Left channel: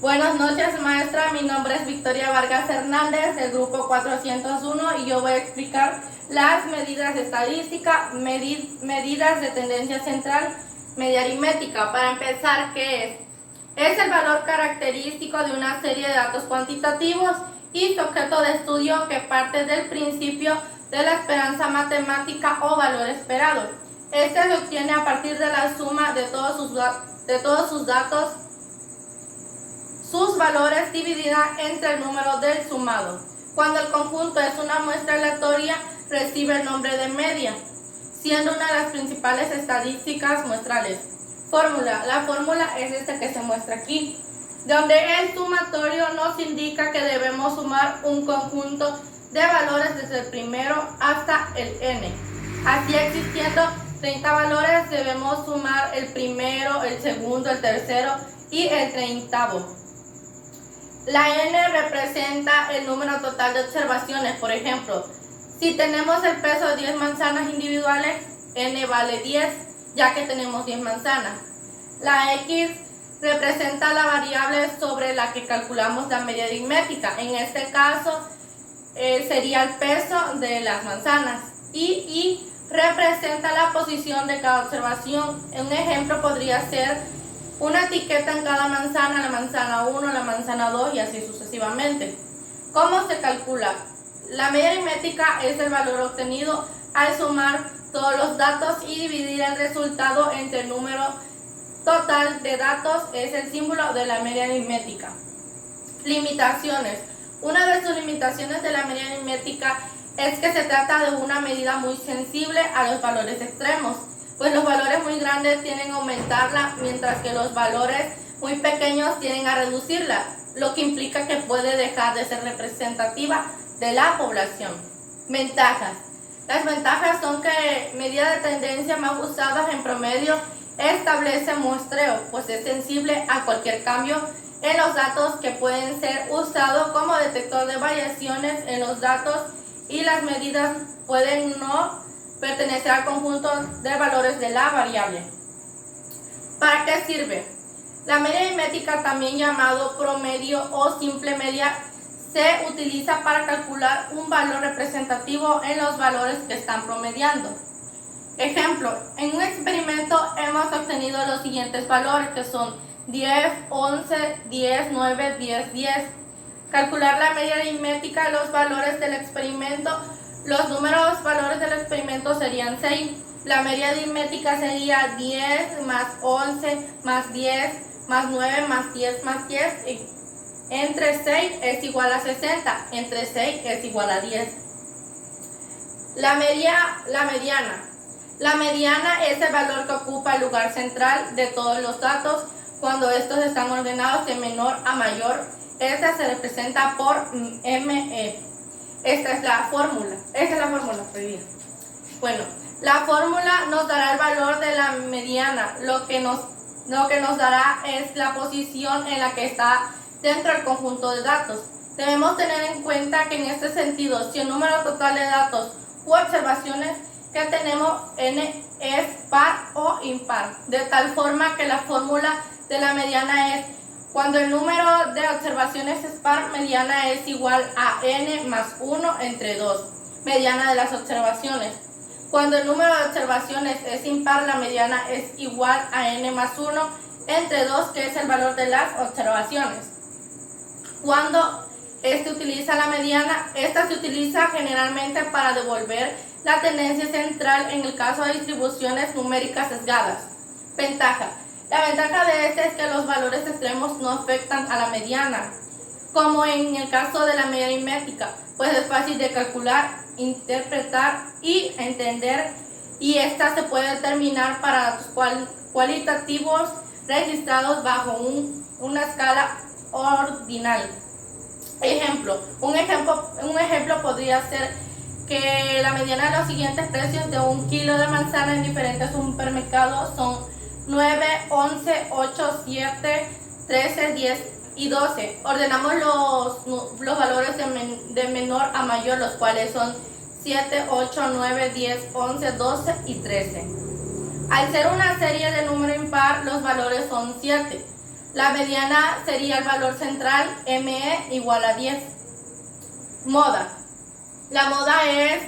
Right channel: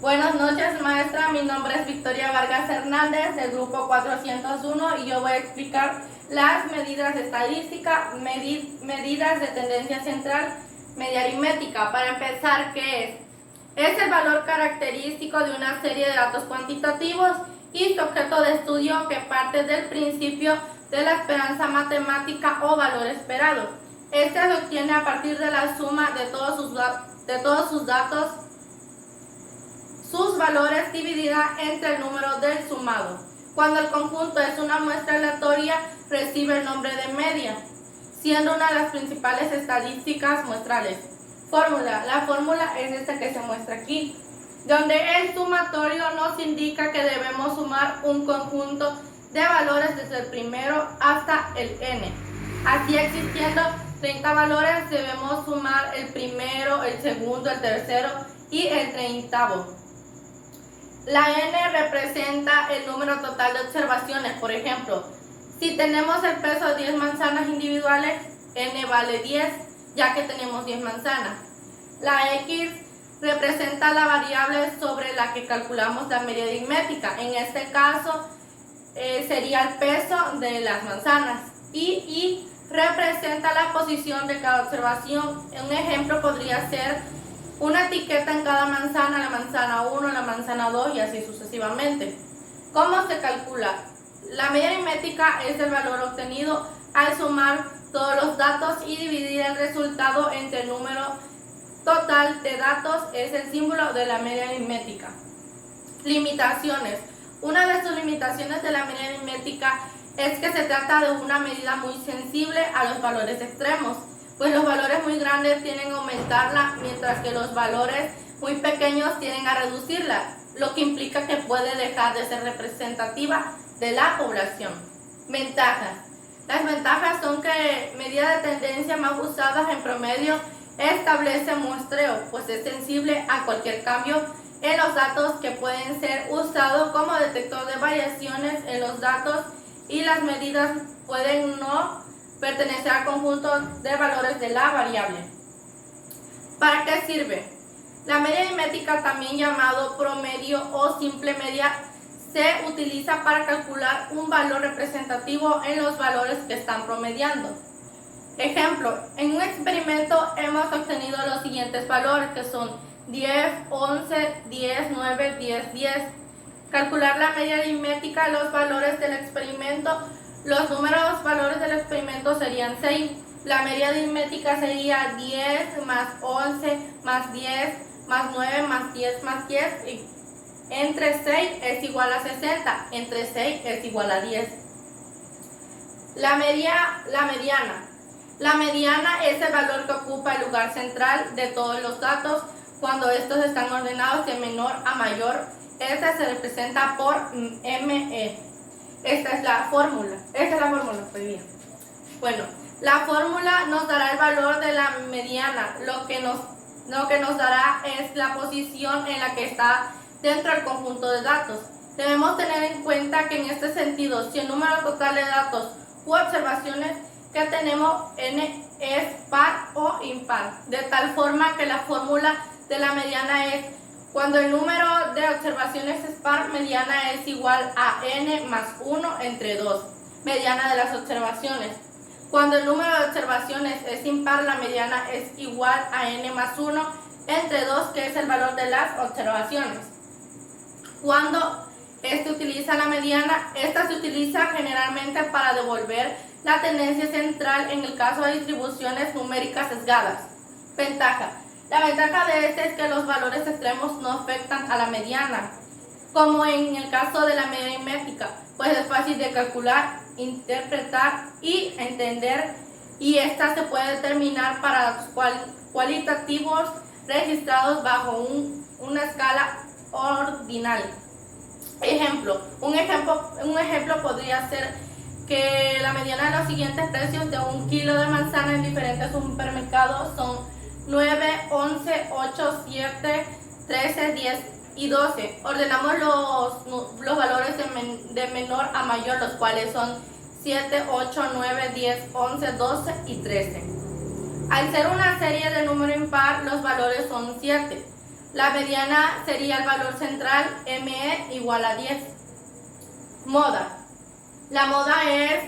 Buenas noches, maestra. Mi nombre es Victoria Vargas Hernández, del grupo 401, y yo voy a explicar las medidas estadísticas, medidas de tendencia central, media aritmética. Para empezar, ¿qué es? Es el valor característico de una serie de datos cuantitativos y su objeto de estudio que parte del principio de la esperanza matemática o valor esperado. Este se obtiene a partir de la suma de todos sus datos, sus valores dividida entre el número del sumado. Cuando el conjunto es una muestra aleatoria, recibe el nombre de media, siendo una de las principales estadísticas muestrales. Fórmula. La fórmula es esta que se muestra aquí, donde el sumatorio nos indica que debemos sumar un conjunto de valores desde el primero hasta el n. Así, existiendo 30 valores, debemos sumar el primero, el segundo, el tercero y el 30º. La n representa el número total de observaciones. Por ejemplo, si tenemos el peso de 10 manzanas individuales, n vale 10, ya que tenemos 10 manzanas. La x representa la variable sobre la que calculamos la media aritmética. En este caso, sería el peso de las manzanas. Y representa la posición de cada observación. Un ejemplo podría ser una etiqueta en cada manzana, la manzana 1, la manzana 2 y así sucesivamente. ¿Cómo se calcula? La media aritmética es el valor obtenido al sumar todos los datos y dividir el resultado entre el número total de datos. Es el símbolo de la media aritmética. Limitaciones. Una de sus limitaciones de la media aritmética es que se trata de una medida muy sensible a los valores extremos, pues los valores muy grandes tienden a aumentarla, mientras que los valores muy pequeños tienden a reducirla, lo que implica que puede dejar de ser representativa de la población. Ventajas. Las ventajas son que medida de tendencia más usadas en promedio establece muestreo, pues es sensible a cualquier cambio en los datos que pueden ser usados como detector de variaciones en los datos, y las medidas pueden no pertenecer al conjunto de valores de la variable. ¿Para qué sirve? La media aritmética, también llamado promedio o simple media, se utiliza para calcular un valor representativo en los valores que están promediando. Ejemplo, en un experimento hemos obtenido los siguientes valores, que son 10, 11, 10, 9, 10, 10. Calcular la media aritmética, los valores del experimento. Los números valores del experimento serían 6. La media aritmética sería 10 más 11 más 10 más 9 más 10 más 10. Entre 6 es igual a 60. Entre 6 es igual a 10. La mediana. La mediana es el valor que ocupa el lugar central de todos los datos cuando estos están ordenados de menor a mayor. Esta se representa por ME. Esta es la fórmula. Bueno, la fórmula nos dará el valor de la mediana. Lo que nos dará es la posición en la que está dentro del conjunto de datos. Debemos tener en cuenta que en este sentido, si el número total de datos u observaciones que tenemos n es par o impar, de tal forma que la fórmula de la mediana es: cuando el número de observaciones es par, mediana es igual a n más 1 entre 2, mediana de las observaciones. Cuando el número de observaciones es impar, la mediana es igual a n más 1 entre 2, que es el valor de las observaciones. Cuando se utiliza la mediana, esta se utiliza generalmente para devolver la tendencia central en el caso de distribuciones numéricas sesgadas. Ventaja. La ventaja de este es que los valores extremos no afectan a la mediana, como en el caso de la media aritmética, pues es fácil de calcular, interpretar y entender, y esta se puede determinar para datos cualitativos registrados bajo una escala ordinal. Un ejemplo podría ser que la mediana de los siguientes precios de 1 kilo de manzana en diferentes supermercados son 9, 11, 8, 7, 13, 10 y 12. Ordenamos los valores de menor a mayor, los cuales son 7, 8, 9, 10, 11, 12 y 13. Al ser una serie de número impar, los valores son 7. La mediana sería el valor central, ME igual a 10. Moda. La moda es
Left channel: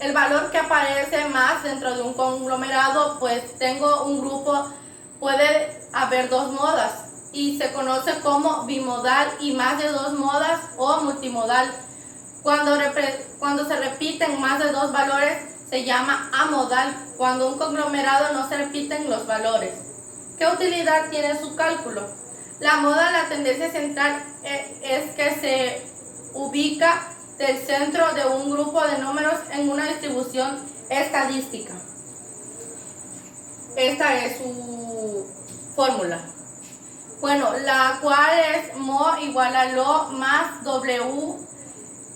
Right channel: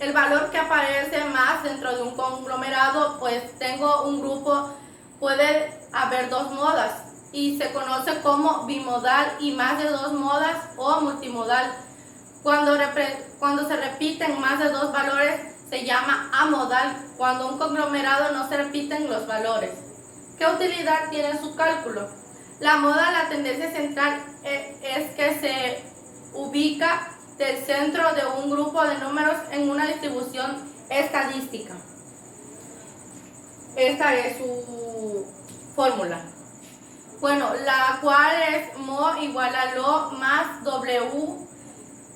el valor que aparece más dentro de un conglomerado, pues tengo un grupo, puede haber dos modas y se conoce como bimodal y más de dos modas o multimodal. Cuando se repiten más de dos valores se llama amodal, cuando un conglomerado no se repiten los valores. ¿Qué utilidad tiene su cálculo? La moda, la tendencia central es que se ubica del centro de un grupo de números en una distribución estadística. Esta es su fórmula. Bueno, la cual es mo igual a lo más w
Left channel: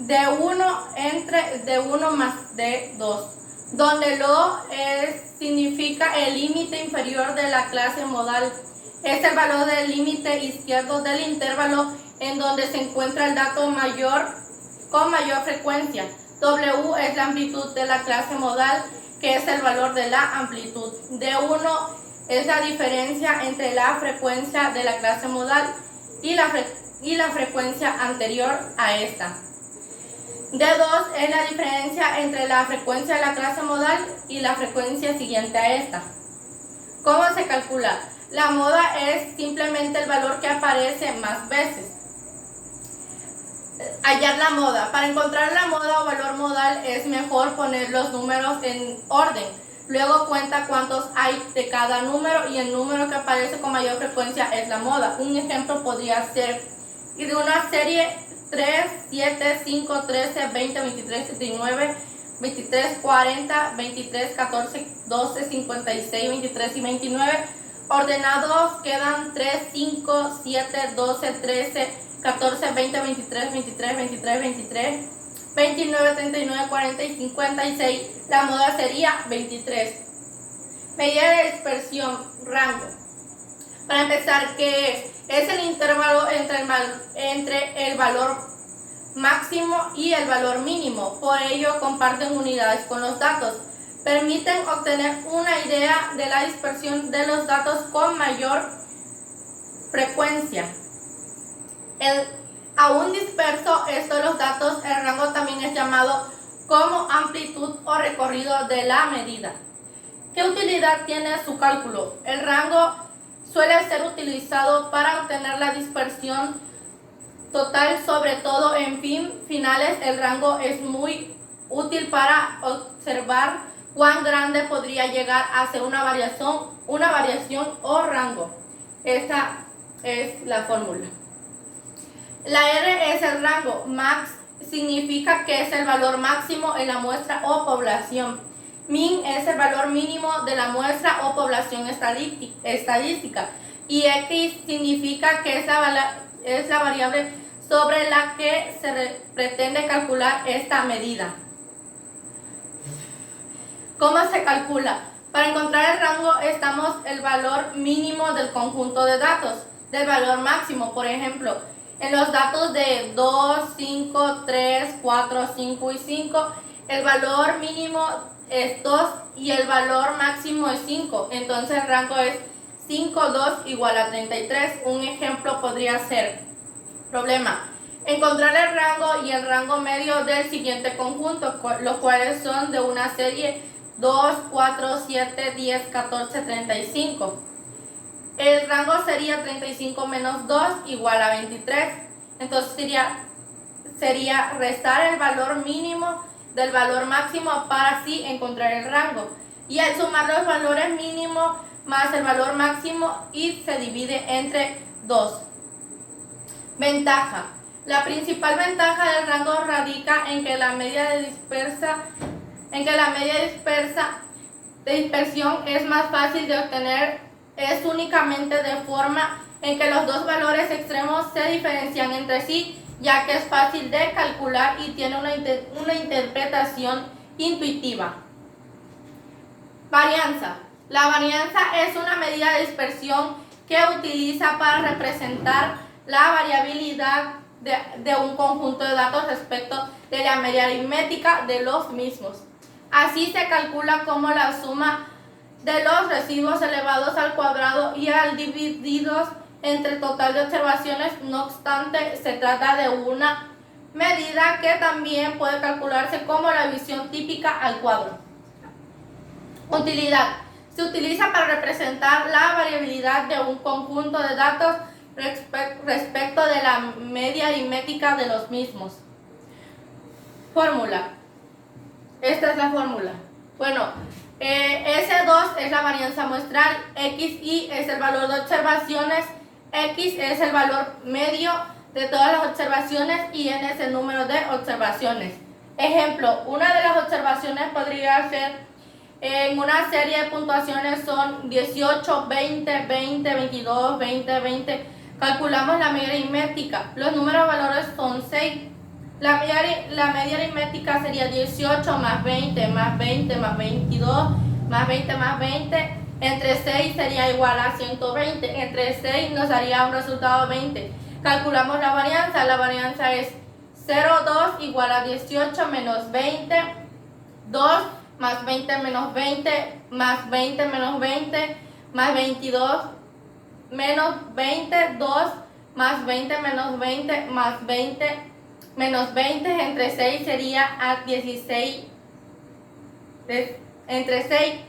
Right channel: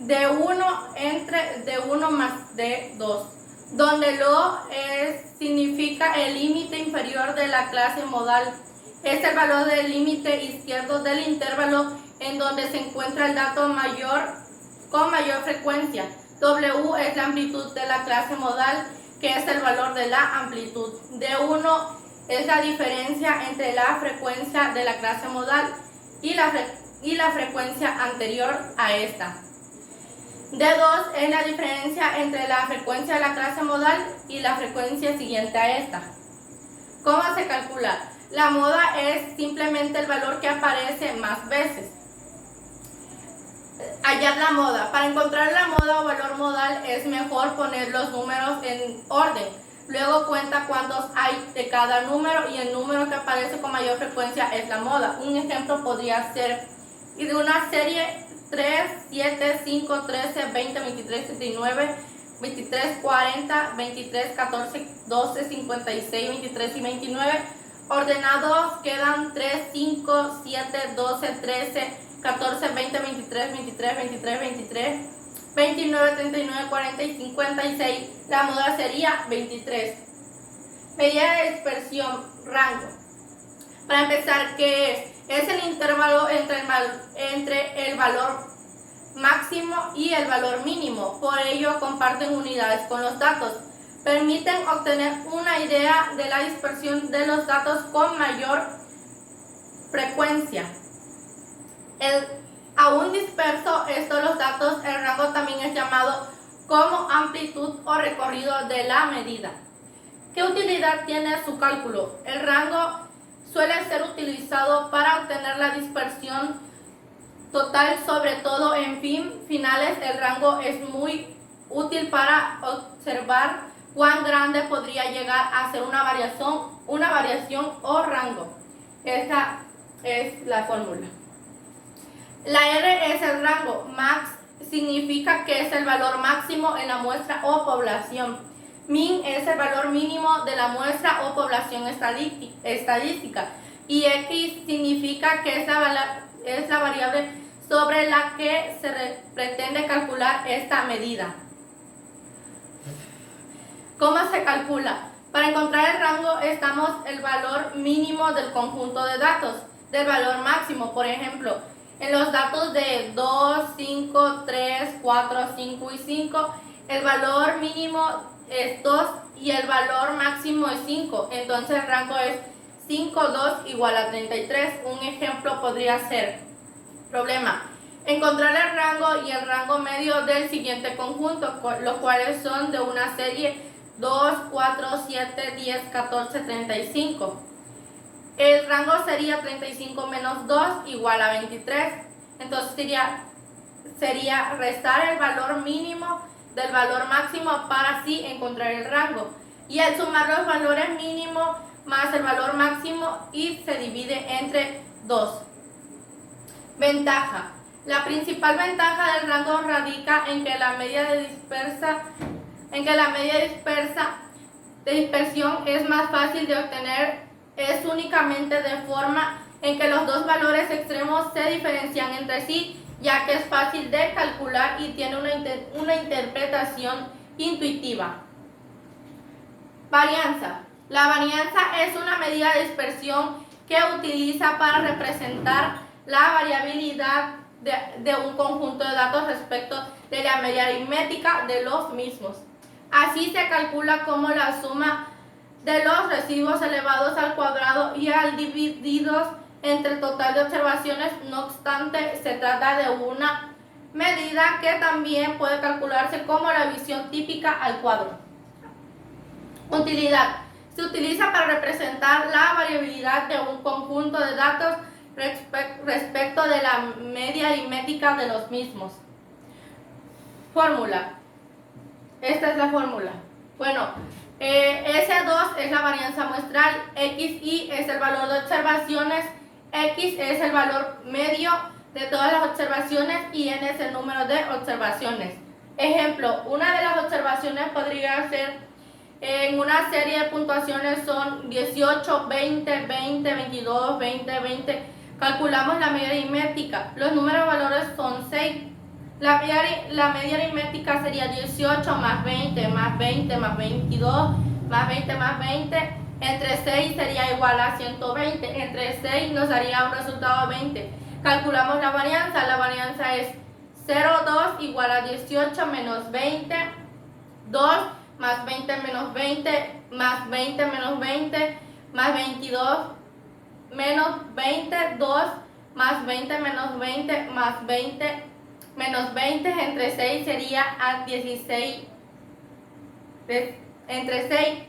de 1 entre d1 más d2, donde lo significa el límite inferior de la clase modal. Es el valor del límite izquierdo del intervalo en donde se encuentra el dato con mayor frecuencia. W es la amplitud de la clase modal, que es el valor de la amplitud. D1 es la diferencia entre la frecuencia de la clase modal y la frecuencia anterior a esta. D2 es la diferencia entre la frecuencia de la clase modal y la frecuencia siguiente a esta. ¿Cómo se calcula? La moda es simplemente el valor que aparece más veces. Hallar la moda. Para encontrar la moda o valor modal es mejor poner los números en orden. Luego cuenta cuántos hay de cada número y el número que aparece con mayor frecuencia es la moda. Un ejemplo podría ser de una serie 3, 7, 5, 13, 20, 23, 39, 23, 40, 23, 14, 12, 56, 23 y 29. Ordenados quedan 3, 5, 7, 12, 13, 14, 20, 23, 23, 23, 23, 29, 39, 40 y 56. La moda sería 23. Medida de dispersión, rango. Para empezar, ¿qué es? Es el intervalo entre el valor máximo y el valor mínimo. Por ello, comparten unidades con los datos. Permiten obtener una idea de la dispersión de los datos con mayor frecuencia. Aún disperso los datos, el rango también es llamado como amplitud o recorrido de la medida. ¿Qué utilidad tiene su cálculo? El rango suele ser utilizado para obtener la dispersión total, sobre todo en finales. El rango es muy útil para observar cuán grande podría llegar a ser una variación o rango. Esta es la fórmula. La R es el rango. Max significa que es el valor máximo en la muestra o población. Min es el valor mínimo de la muestra o población estadística. Y X significa que es la variable sobre la que se pretende calcular esta medida. ¿Cómo se calcula? Para encontrar el rango estamos el valor mínimo del conjunto de datos, del valor máximo. Por ejemplo, en los datos de 2, 5, 3, 4, 5 y 5, el valor mínimo es 2 y el valor máximo es 5. Entonces el rango es 5, 2 igual a 33. Un ejemplo podría ser, problema, encontrar el rango y el rango medio del siguiente conjunto, los cuales son de una serie 2, 4, 7, 10, 14, 35. El rango sería 35 menos 2 igual a 23. Entonces sería restar el valor mínimo del valor máximo para así encontrar el rango. Y al sumar los valores mínimos más el valor máximo y se divide entre 2. Ventaja. La principal ventaja del rango radica en que la medida de dispersión es más fácil de obtener. Es únicamente de forma en que los dos valores extremos se diferencian entre sí, ya que es fácil de calcular y tiene una interpretación intuitiva. Varianza. La varianza es una medida de dispersión que utiliza para representar la variabilidad de un conjunto de datos respecto de la media aritmética de los mismos. Así se calcula como la suma de los residuos elevados al cuadrado y al divididos entre el total de observaciones. No obstante, se trata de una medida que también puede calcularse como la división típica al cuadro. Utilidad. Se utiliza para representar la variabilidad de un conjunto de datos respecto de la media aritmética de los mismos. Fórmula. Esta es la fórmula. Bueno, S2 es la varianza muestral, XI es el valor de observaciones, X es el valor medio de todas las observaciones y N es el número de observaciones. Ejemplo, una de las observaciones podría ser en una serie de puntuaciones son 18, 20, 20, 22, 20, 20. Calculamos la media aritmética. Los números valores son 6. La media aritmética sería 18 más 20 más 20 más 22 más 20 más 20. Entre 6 sería igual a 120. Entre 6 nos daría un resultado 20. Calculamos la varianza. La varianza es 0,2 igual a 18 menos 20. 2 más 20 menos 20 más 20 menos 20 más 22 menos 20. 2 más 20 menos 20 más 20 menos 20 entre 6 sería a 16. Entre 6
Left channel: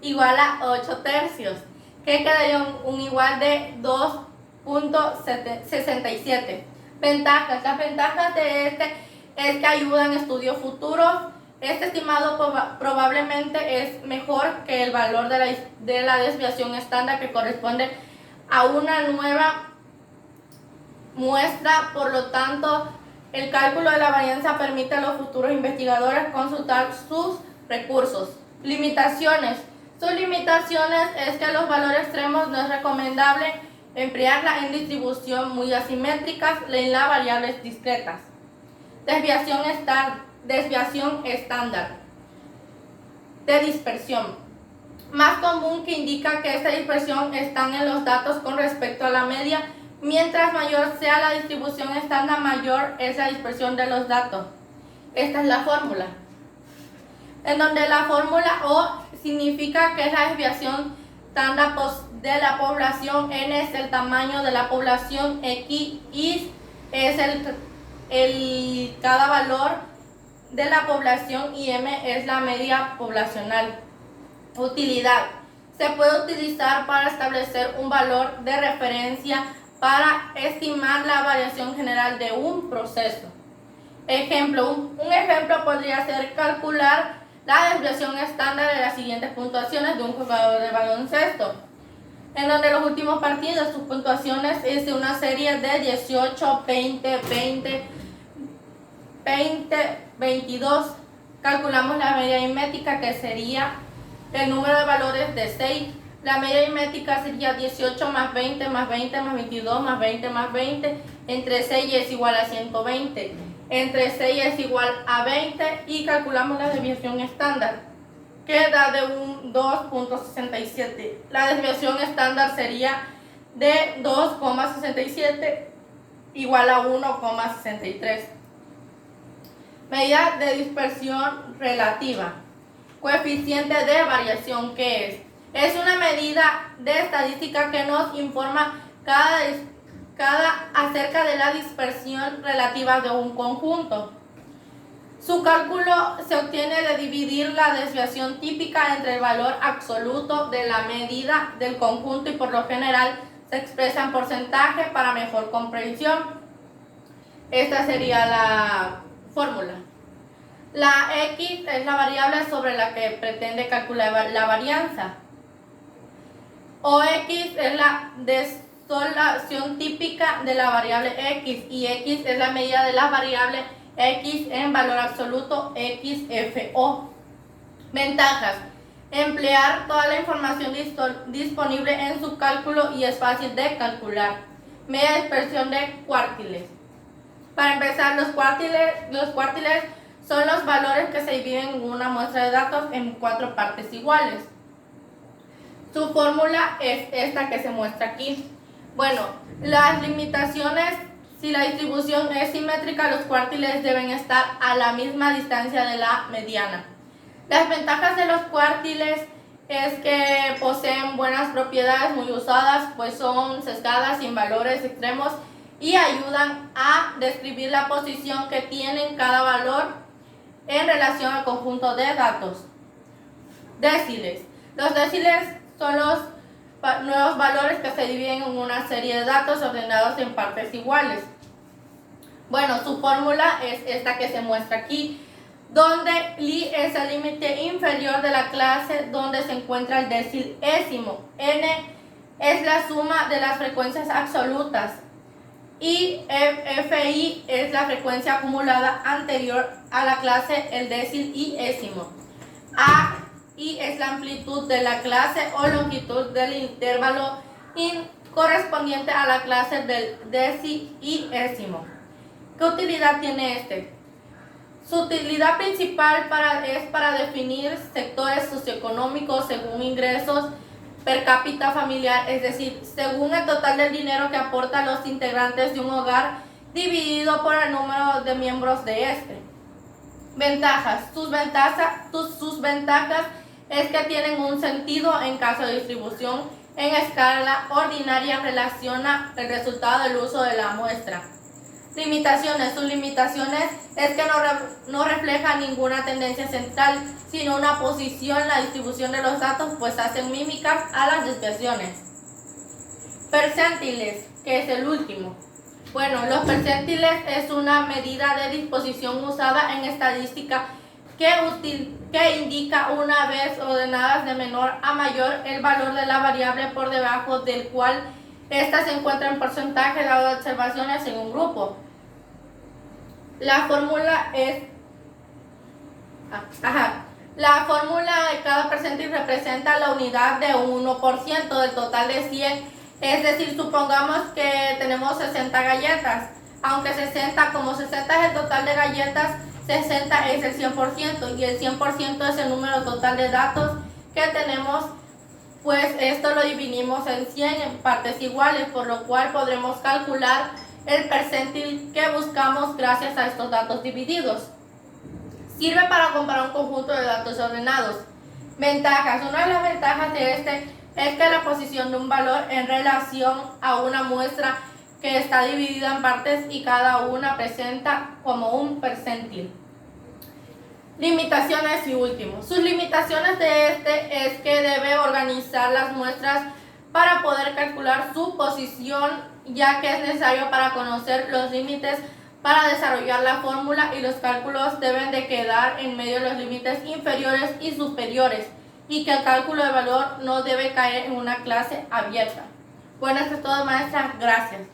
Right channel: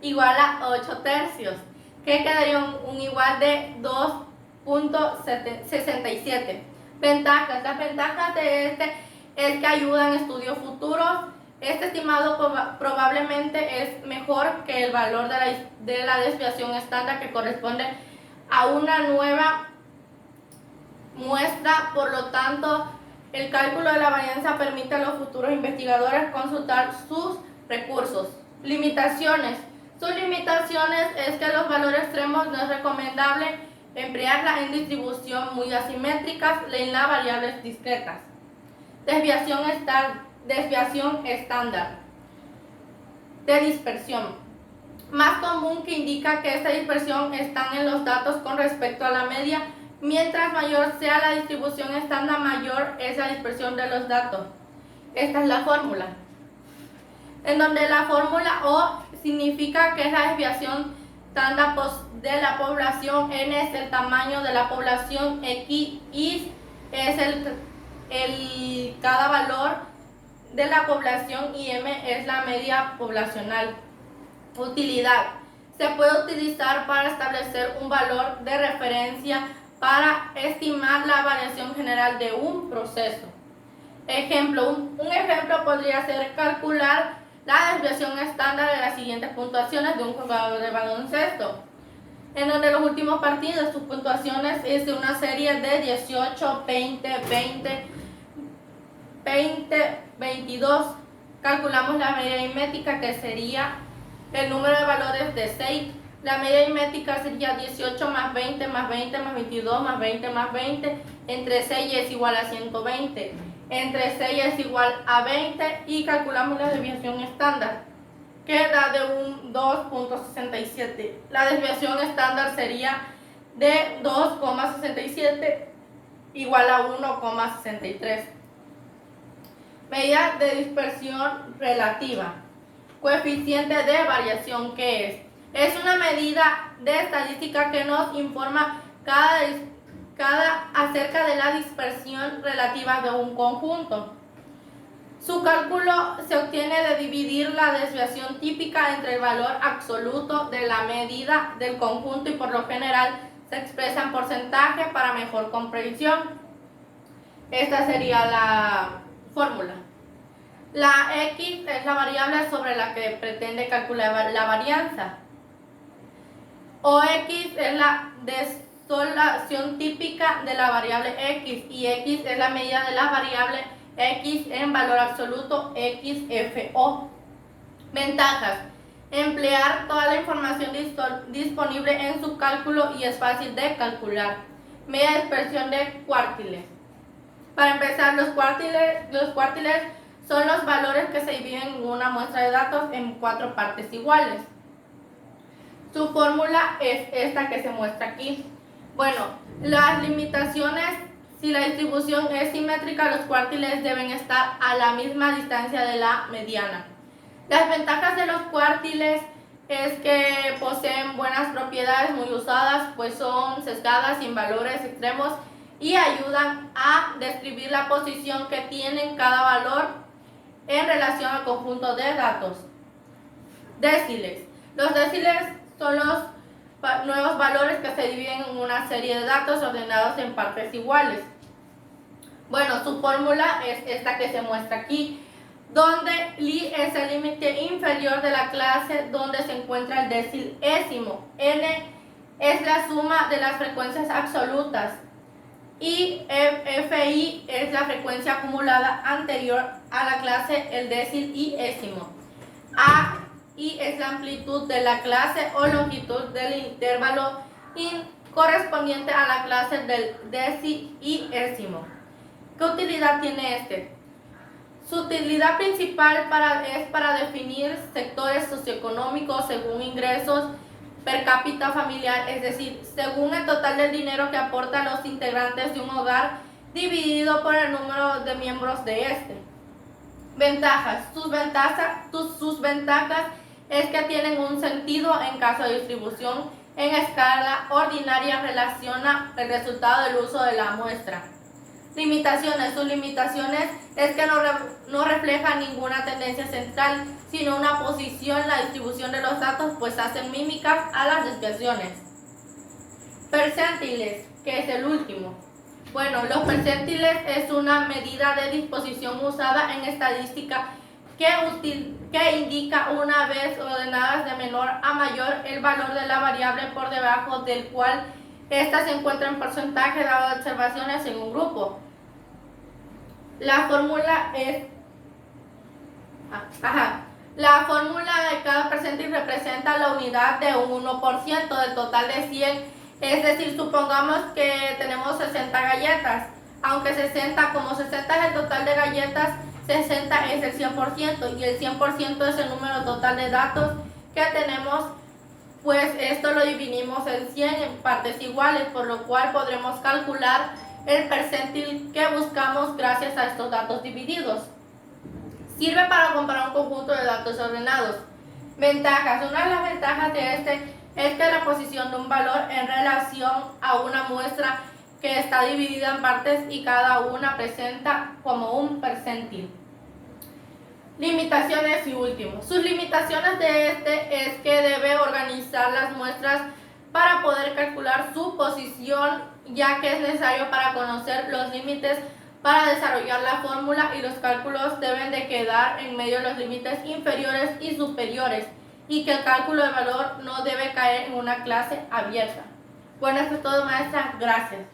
igual a 8 tercios, que quedaría un igual de 2.67. Ventajas. Las ventajas de este es que ayudan en estudios futuros. Este estimado probablemente es mejor que el valor de la desviación estándar, que corresponde a una nueva muestra. Por lo tanto, el cálculo de la varianza permite a los futuros investigadores consultar sus recursos. Limitaciones. Sus limitaciones es que los valores extremos no es recomendable emplearla en distribución muy asimétricas en las variables discretas. Desviación estándar de dispersión. Más común, que indica que esta dispersión está en los datos con respecto a la media. Mientras mayor sea la distribución estándar, mayor es la dispersión de los datos. Esta es la fórmula. En donde la fórmula O significa que es la desviación estándar de la población, N es el tamaño de la población, X es cada valor de la población y M es la media poblacional. Utilidad. Se puede utilizar para establecer un valor de referencia para estimar la variación general de un proceso. Ejemplo, un ejemplo podría ser calcular la desviación estándar de las siguientes puntuaciones de un jugador de baloncesto, en donde los últimos partidos, sus puntuaciones es de una serie de 18, 20, 20, 20, 22. Calculamos la media aritmética, que sería el número de valores de 6. La media aritmética sería 18 más 20 más 20 más 22 más 20 más 20. Entre 6 es igual a 120. Entre 6 es igual a 20 y calculamos la desviación estándar, que da de un 2.67. La desviación estándar sería de 2,67 igual a 1,63. Medida de dispersión relativa. Coeficiente de variación, ¿qué es? Es una medida de estadística que nos informa acerca de la dispersión relativa de un conjunto. Su cálculo se obtiene de dividir la desviación típica entre el valor absoluto de la medida del conjunto y por lo general se expresa en porcentaje para mejor comprensión. Esta sería la fórmula. La X es la variable sobre la que pretende calcular la varianza. OX es la desolación típica de la variable X y X es la medida de la variable X en valor absoluto, XFO. Ventajas. Emplear toda la información disponible en su cálculo y es fácil de calcular. Media dispersión de cuartiles. Para empezar, los cuartiles son los valores que se dividen en una muestra de datos en 4 partes iguales. Su fórmula es esta que se muestra aquí. Bueno, las limitaciones: si la distribución es simétrica, los cuartiles deben estar a la misma distancia de la mediana. Las ventajas de los cuartiles es que poseen buenas propiedades muy usadas, pues son sesgadas, sin valores extremos y ayudan a describir la posición que tienen cada valor en relación al conjunto de datos. Déciles. Los déciles son los nuevos valores que se dividen en una serie de datos ordenados en partes iguales. Bueno, su fórmula es esta que se muestra aquí, donde li es el límite inferior de la clase donde se encuentra el decilésimo. N es la suma de las frecuencias absolutas y FI es la frecuencia acumulada anterior a la clase el decilésimo. AI es la amplitud de la clase o longitud del intervalo correspondiente a la clase del decilésimo. ¿Qué utilidad tiene este? Su utilidad principal es para definir sectores socioeconómicos según ingresos per cápita familiar, es decir, según el total del dinero que aportan los integrantes de un hogar dividido por el número de miembros de este. Ventajas. Sus ventajas es que tienen un sentido en caso de distribución en escala ordinaria en relación al resultado del uso de la muestra. Limitaciones. Sus limitaciones es que no refleja ninguna tendencia central, sino una posición en la distribución de los datos, pues hacen mímicas a las desviaciones. Percentiles, que es el último. Bueno, los percentiles es una medida de disposición usada en estadística que indica una vez ordenadas de menor a mayor el valor de la variable por debajo del cual ésta se encuentra en porcentaje dado de observaciones en un grupo. La fórmula es... La fórmula de cada percentil representa la unidad de un 1% del total de 100. Es decir, supongamos que tenemos 60 galletas. Aunque 60 es el total de galletas, 60 es el 100% y el 100% es el número total de datos que tenemos. Pues esto lo dividimos en 100 en partes iguales, por lo cual podremos calcular el percentil que buscamos gracias a estos datos divididos. Sirve para comparar un conjunto de datos ordenados. Ventajas. Una de las ventajas de este es que la posición de un valor en relación a una muestra que está dividida en partes y cada una presenta como un percentil. Limitaciones y último. Sus limitaciones de este es que debe organizar las muestras para poder calcular su posición, ya que es necesario para conocer los límites para desarrollar la fórmula y los cálculos deben de quedar en medio de los límites inferiores y superiores y que el cálculo del valor no debe caer en una clase abierta. Bueno, eso es todo, maestra. Gracias.